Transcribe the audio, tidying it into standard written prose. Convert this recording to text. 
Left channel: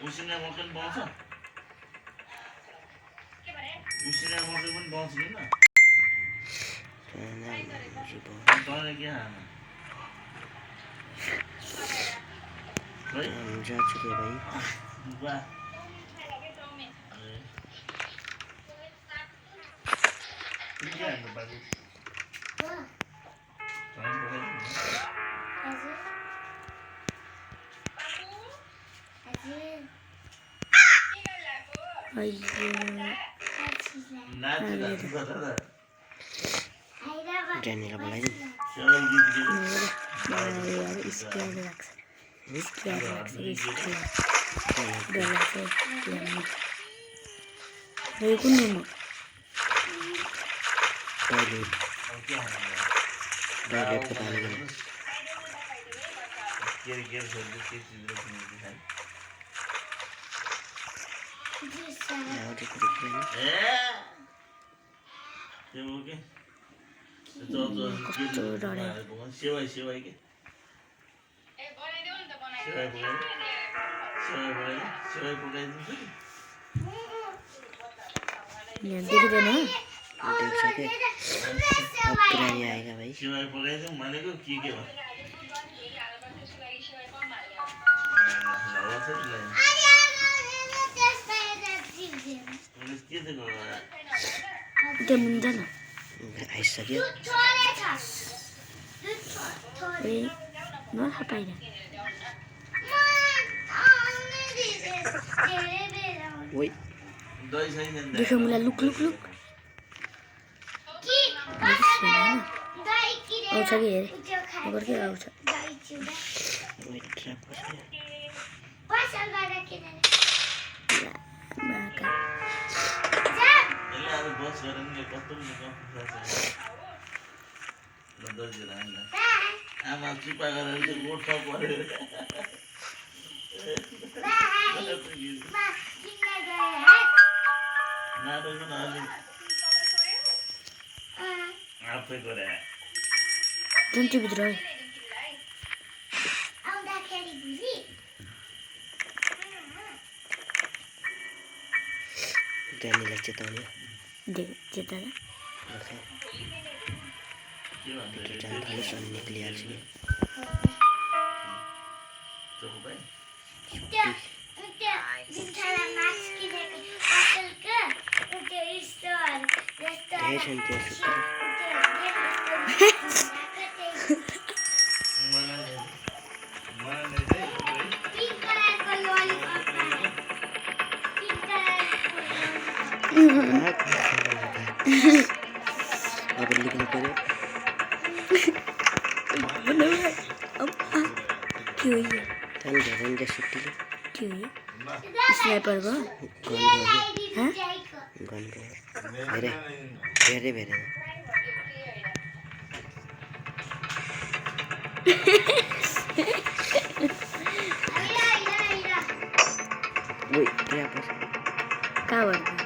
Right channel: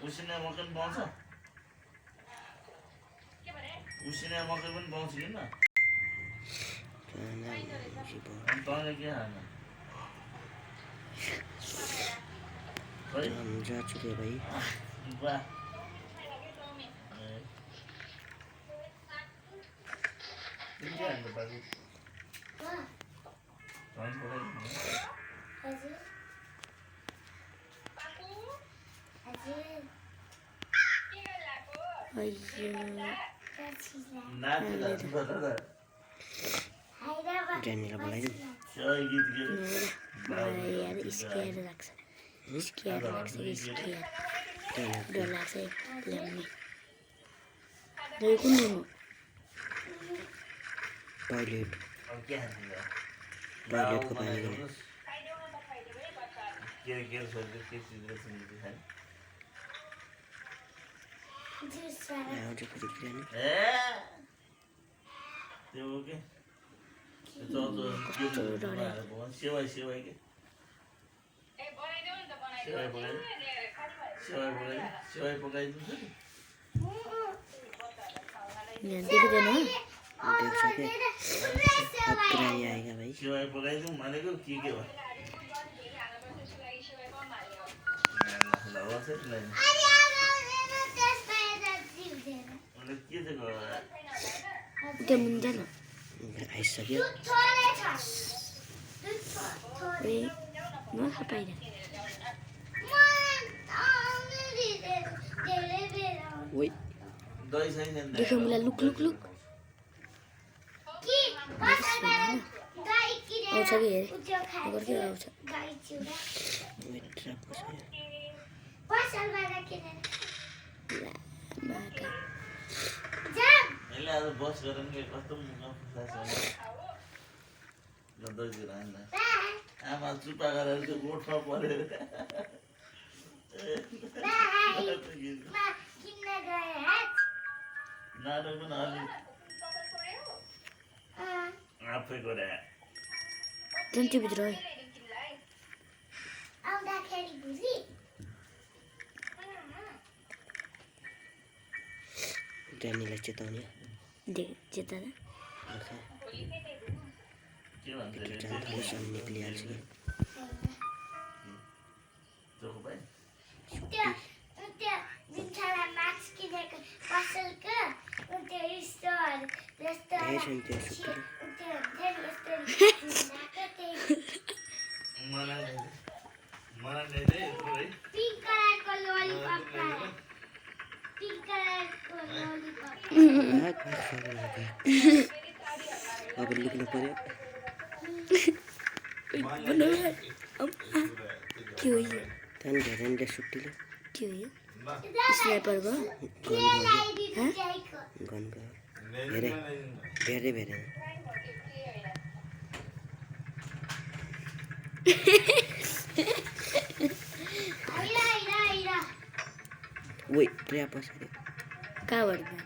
उसिना मकै पनि पाउँछ उसिना मकै पनि पाउँछ किन तँले के खानु जा चुके भाई वाह के हाल्नु बाबु जानेर बोलाइदिउँ टॉयलेटको पानी सेवाई सेवाई के सेवाई पकाइदिन्छु देख्छ के अब पुरानी आएगा भाई सेवाई पकाइदिउँ भनेको के भयो आइसक्यो ओइ दही छैन देखो मुला लुक लुक लुक आउँछ कि हेर अगर के आउँछ वेट ट्र्याप कसले यसलाई बस गरेर नि कस्तो आमा चुपा गरेर चाहिँ गोठमा पऱ्यो नाटक पनि अलिक आफै गरे भित्र ड्यानीलाई चेताउने चेता के जान थाल्यो सन निक्लिहाल्छ कि धेरै छन् त्यो सुत्तरी अब निक्नु पर्यो त्यहाँदेखि धेरै नि सुत्तीले स्नाइपर गयो गन गयो धेरै धेरै धेरै ओइ पुरा पछाडि कहाँबाट